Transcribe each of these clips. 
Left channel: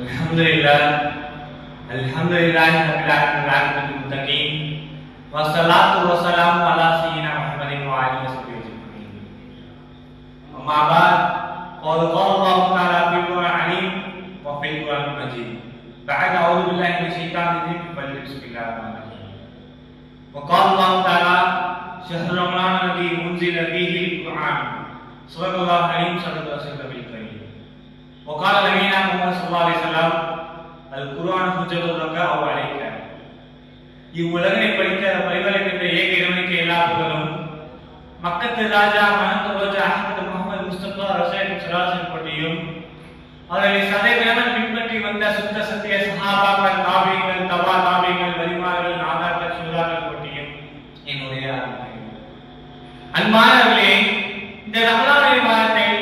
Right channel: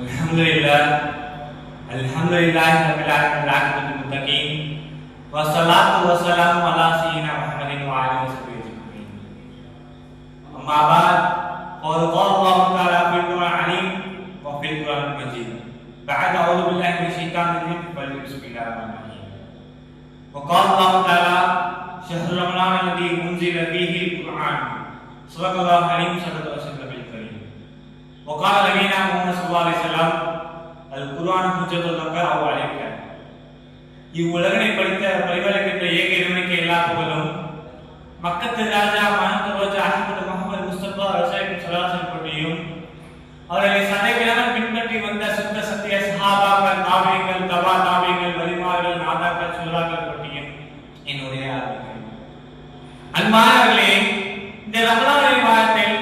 Alhamdulillah, Alhamdulillah, Rabbil Muttaqin, wassalatu wassalamu ala sayyidina Muhammadin wa alihi wasallam. Amma ba'd, qala Allah ta'ala fil Qur'an wa fil Qur'an majid. Ba'da a'udzu billahi minasy syaithanir rajim. Bismillahirrahmanirrahim. Wa qala Allah ta'ala syahrul ramadan alladzi unzila fihi al-Qur'an. Subhanallahu alim sallallahu alaihi wasallam. Wa qala nabiyina Muhammad sallallahu alaihi wasallam Al-Quran ஹுஜ்ஜத்துல்லக அவ் அலைக. இவ்வுலகனை படித்த பரிபாலிக்கின்ற ஏக இறைவனுக்கு எல்லா புகழும், மக்கத்து ராஜா மஹமது ரோஜா அஹ்மது முஹம்மது முஸ்தபா ரசூலுல்லாஹி ஸல்லல்லாஹு அலைஹி பற்றியும் அவர்களை சதைவிடாமல் பின்பற்றி வந்த சுத்த சத்திய சஹாபாக்கள், தாபீகள், தபா தாபீகள், வலிமார்கள், நாதாக்கள், சுல்லாக்கள் பற்றியும் என்னுடைய அன்பானவர்களே, இந்த ரமலான் மாதத்தில்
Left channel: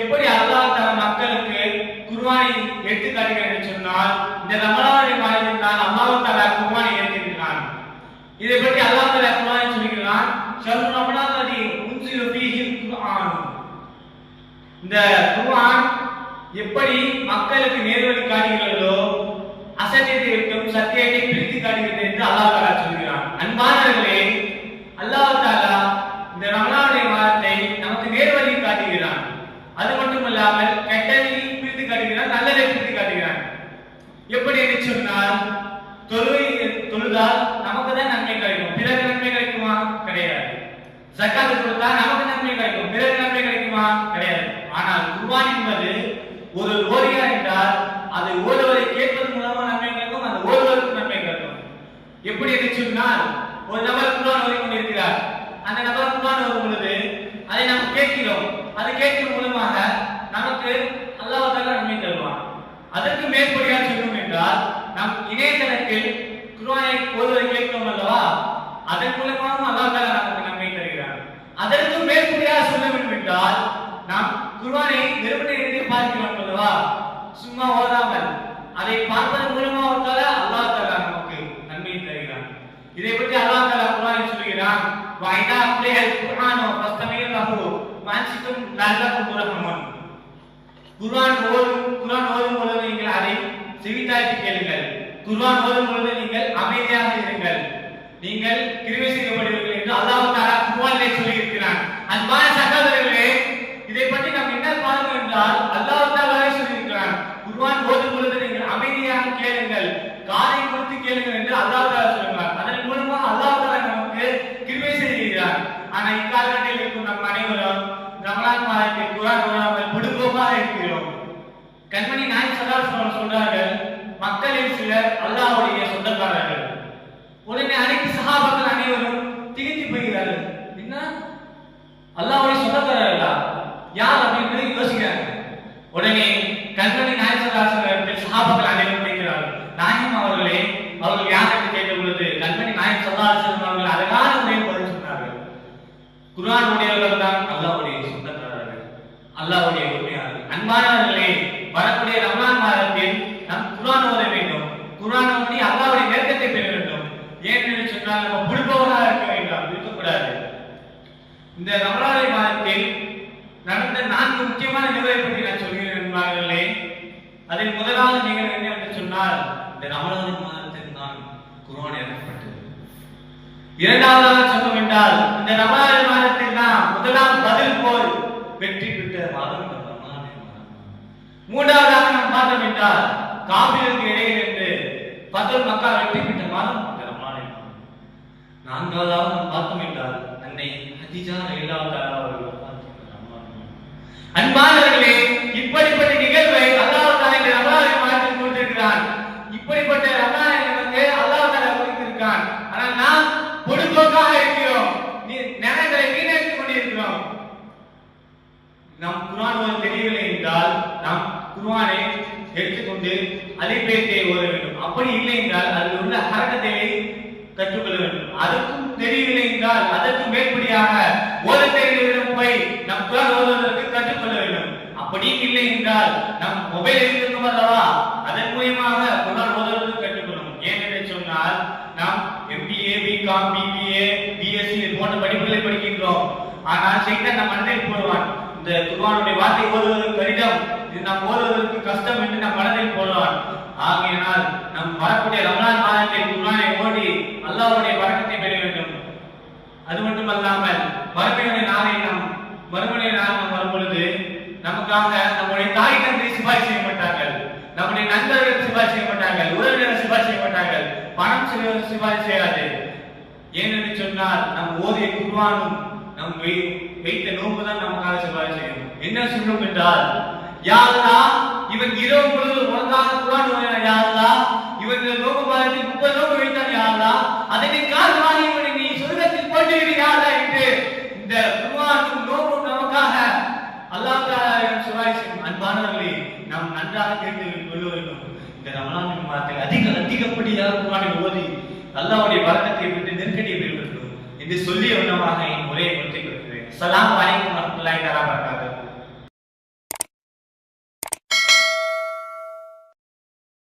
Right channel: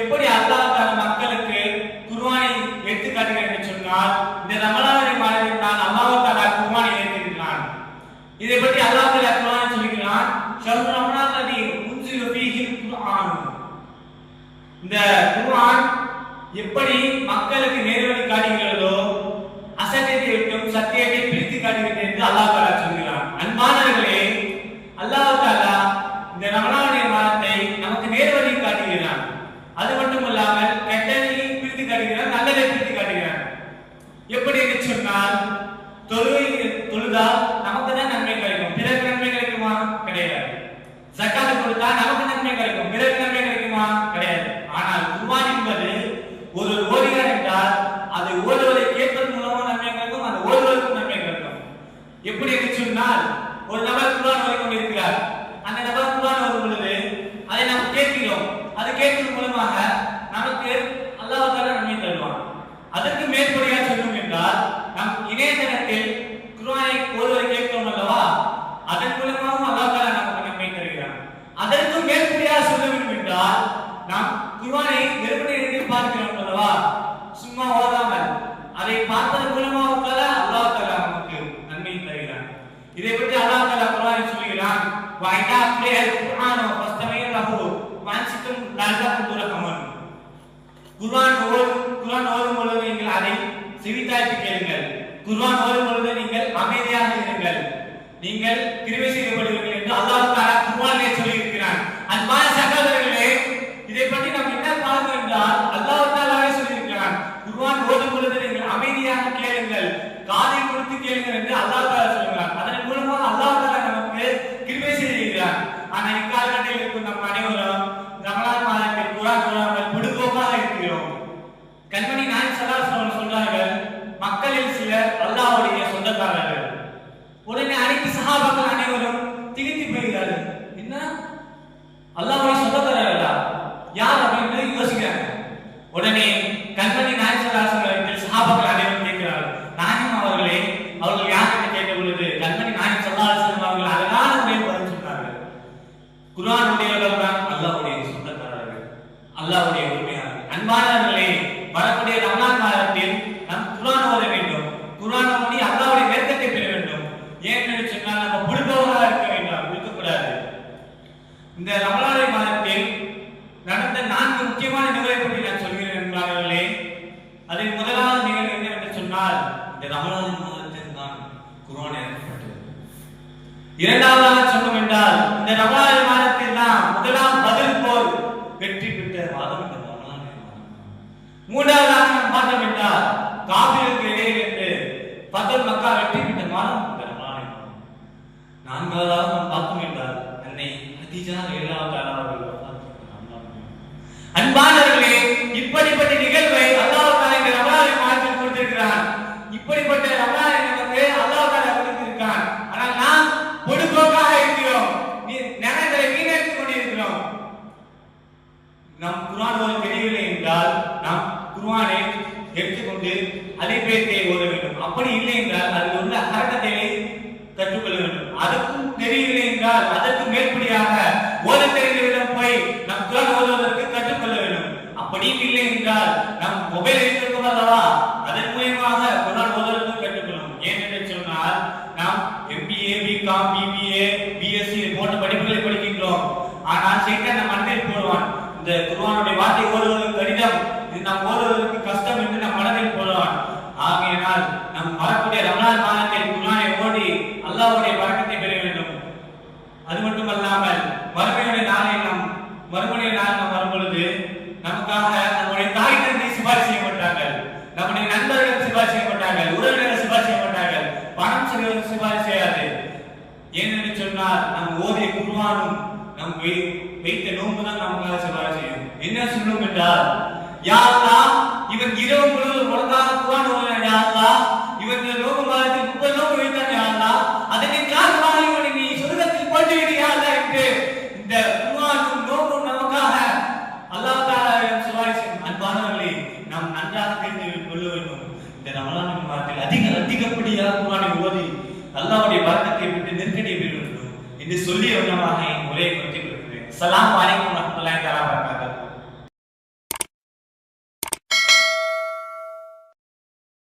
எப்படி அல்லாஹ் தன் மக்களுக்கு குர்ஆனை எடுத்து காட்டுகிறார் என்று சொன்னால், இந்த ரமலான் மாதத்தில் தான் அல்லாஹ் தஆலா குர்ஆனை இறக்கினான். இதை பற்றி அல்லாஹ் தஆலா குர்ஆனில் சொல்கிறான், ஷஹ்ரு ரமலான் அல்லதி உன்ஸில ஃபீஹில் குர்ஆன். இந்த குர்ஆன் எப்படி மக்களுக்கு நேர்வழி காட்டுகிறதோ, அசத்தியத்தை விட்டும் சத்தியத்தை பிரித்து காட்டுகிறது என்று அல்லாஹ் தஆலா சொல்கிறான். அன்பானவர்களே, அல்லாஹ் தஆலா இந்த ரமலான் மாதத்தை நமக்கு நேர்வழி காட்டுகிறான். அது மட்டுமல்லாமல் கெட்டதை பிரித்து காட்டுகிறான், நல்லதை பிரித்து காட்டுகிறான். எப்படி என்று சொன்னால், தொழுதால் நமக்கு தான் நன்மை கிடைக்கும், பிறகு நன்மை கிடைக்குமா? கிடையாது. ஜக்காத் கொடுத்தால் நமக்கு நன்மை கிடைக்கும், பிறகு நன்மை கிடைக்குமா? கிடையாது. ஆனால் குர்ஆன் என்பது ஒரு ஓதுகிறார் என்றால் அது ஓதுவதை கேட்பதன் மூலமாக நன்மை கிடைக்கும், அந்த ஓதுவதற்கு நன்மை கிடைக்கும். எப்படி என்று சொன்னால், ஒரு நபர் குர்ஆன் ஓதிக் கொண்டிருக்கிறார். அந்த நபர் குர்ஆன் ஓதும் பொழுது அதை நாம் கேட்கிறோம். அது கேட்கும் மூலமாக நமக்கு அல்லாஹ் தஆலா நன்மை தருவான். அதற்கு மேற்படியாக சொல்லும் என்றால், நம் இணையதளத்தில் குர்ஆனை ஓதுவதை கேட்கிறோம் அல்லவா, அதன் மூலமாக அல்லாஹ் தஆலா நமக்கு நன்மை தருகிறான். அதற்கு மேற்படியாக சொல்ல வேண்டும் என்றால், நாம் குர்ஆனை வெறுமனே பார்க்கிறோம் அல்லவா, சும்மா ஓதாமல் அதை பார்ப்பதன் மூலமாக அல்லாஹ் தஆலா நமக்கு நன்மை தருகிறான். இதை பற்றி அல்லாஹ் தஆலா குர்ஆனில் சொல்கிறான், வஐதா அக்ரியல் குர்ஆன் ஃபஸ்தமிஉ லஹு வஅன்சித்தும் லஅல்லகும் துர்ஹமூன். குர்ஆன் ஓதும் பொழுது நீங்கள் அதை செவித்தாய்த்து கேளுங்கள். குர்ஆன் ஓதும் பொழுது நீங்கள் அமைதியாக இருங்கள், நீங்கள் கிருபை செய்யப்படுவீர்கள் என்று அல்லாஹ் தஆலா குர்ஆனிலே சொல்லி இருக்கிறான். அன்பான சகோதரர்களே, இதை பற்றி நாம் என்ன பார்க்கிறோம் என்றால், அல்லாஹ் தஆலாவே சொல்லி இருக்கிறான், குர்ஆன் ஓதும் பொழுது நீங்கள் அமைதியாக கேளுங்கள், காதை கொடுத்து கேளுங்கள் என்று அல்லாஹ் தஆலா சொல்கிறார். அதன் மூலமாக அல்லாஹ் தஆலா நமக்கு கிருபை செய்கிறார். ஆனால் இக்காலகட்டத்தில் இருக்கும் நம் அனைவரும் ரமலான் மாதத்தில் குர்ஆன் ஓதாமல் பொடுபோக்காக இருக்கிறோம். கண்மணி நாயகம் ஸல்லல்லாஹு அலைஹி வஸல்லம் சொல்றார்கள், மக்களில் சிலர் அல்லாஹ்வுடைய சொந்தக்காரர்கள். உடனே அனைத்து சஹாபாக்கள் அனைவரும் திகைத்து போகிறார்கள். என்ன, அல்லாஹ்வுடைய சொந்தக்காரர்களா? யார் அப்படின்னு யோசிக்கிறாங்க. உடனே கண்மணி நாயகம் ஸல்லல்லாஹு அலைஹி வஸல்லம் சஹாபாக்கள் அனைவரும் கேட்கிறார்கள், நாயகம் அவர்களே, அவர்கள் யார் என்று கேட்ட பொழுது கண்மணி நாயகம் ஸல்லல்லாஹு அலைஹி வஸல்லம் அவர்கள் அழகான முறையில் பதில் சொன்னார்கள். குர்ஆன் உடையவர்கள் தான் அல்லாஹ்வுடைய சொந்தக்காரர்கள், அல்லாஹ்வுடைய உண்மையாளர்கள். அன்பானவர்களே, வரக்கூடிய ரமலான் மாதத்தில் நாம் குர்ஆன் ஓத வேண்டும். குர்ஆன் ஓதி அல்லாஹ்வுடைய நெருக்கத்தை பெற வேண்டும். ஏனென்று சொன்னால், நம்ம புடுபவராக இருக்க வேண்டாம், இருக்கக்கூடாது. இந்த ரமலான் மாதத்தில் நடந்த 4 முக்கியமான நிகழ்வை பற்றி நான் சொல்கிறேன் என்பார்களே. அதில் முதலாவது நிகழ்வு என்ன என்று சொன்னால், இந்த ரமலான் மாதத்தில் தான் குர்ஆன் இறக்கப்பட்டது. இரண்டாவதாக சொன்னோம் என்றால், இந்த ரமலான் மாதத்தில் தான் முதலாம் பதில் போர் வெற்றி பெற்ற மாதம் இந்த ரமலான் மாதம். மூன்றாவதாக நாம் பார்த்தோம் என்றால், காபிருக்கு இடையே என்று ஃபத்ஹுல் மக்கா வெற்றி பெற்ற மாதம் இந்த ரமலான் மாதம். நான்காவதாக நாம் பார்த்தோம் என்றால், அன்னை ஹதீஜா ரலியல்லாஹு தஆலா அவர்கள் வஃபாத் பெற்ற ரமலான் மாதம். அன்பானவர்களே, இப்படிப்பட்ட நிகழ்வை அல்லாஹ் தஆலா இந்த ரமலான் மாதத்தில் கொடுத்திருக்கிறான். இப்படிப்பட்ட ரமலானை நமக்கு அல்லாஹ் தஆலா கொடுத்திருக்கிறான். ஆனால் நாம் பொடுபோக்காக இருக்கிறோம், நேரங்களை வீணடித்துக் கொண்டிருக்கிறோம். நம் குர்ஆன் ஓத தெரியவில்லை என்றால், நாம் குர்ஆனை எடுத்துக்கொண்டு அலிபேத்தை ஓத வேண்டும். அப்படி இல்லை என்றால் அதில் உள்ள ஹரக்கத்தை கற்றுக்கொள்ள வேண்டும். அதுக்கும் தெரியவில்லை என்றால் அதற்கு மேற்படியாக ஓத தெரிந்தவரிடம் போய் நம் குர்ஆன் ஓதுவதற்கு கற்றுக்கொள்ள வேண்டும். அப்படி இல்லை என்றால் நம் மொபைல் இருக்கும் அல்லவா, அதன் மூலமாக குர்ஆன் ஓதுவதற்கு கற்றுக்கொள்ளும். ஏனென்று சொன்னால், நாம் MBA, BCom, BBA, BSc போன்ற படிப்புகளை படிக்கின்றோம். ஆனால் சைத்தான் நம் மனதில் போடுவான், இந்த குர்ஆனுடைய வார்த்தை ஓதுவது கடினம், இது நாம் ஓதுவதற்கு கஷ்டம் என்று நம் மனதில் போடுவான். நம்முடைய நண்பர்கள் சிபாரிசு செய்ய மாட்டார்கள், உறவினர்கள் சிபாரிசு செய்ய மாட்டார்கள், பணம் சிபாரிசு செய்யாது. ஏனென்று சொன்னால் நம் ஓதிய குர்ஆனும் நம் வைத்த நோன்பு தான் நமக்காக சிபாரிசு செய்யும். என்ன சொல்லும் என்றால், யா அல்லாஹ், இவன் இரவு முழுவதும் உனக்காக குர்ஆன் ஓதினான் யா அல்லாஹ், இவன் நோன்பு மாதத்தில் 30 நோன்பு வைத்தான் யா அல்லாஹ், அதனை காரணமாக இவனை நீ சொர்க்கத்தில் போட்டு விடு யா அல்லாஹ் என்று இந்த குர்ஆனும் நோன்பும் நமக்காக அல்லாஹ் தஆலாவிடம் சிபாரிசு. அன்பானவர்களே, நாம் நன்றாக தெரிந்து கொள்ள வேண்டும். இந்த ரமலான் மாதத்தில் அதிகப்படியாக குர்ஆனை ஓதி அல்லாஹ்வுடைய பரக்கத்தை பெற்று நெருக்கடியை பெற வேண்டும் என்று சொல்லிய வண்ணமாக என் உரையை முடித்துக் கொள்கிறேன். அஸ்ஸலாமு அலைக்கும் வரஹ்மத்துல்லாஹி தஆலா வபரகாத்துஹு.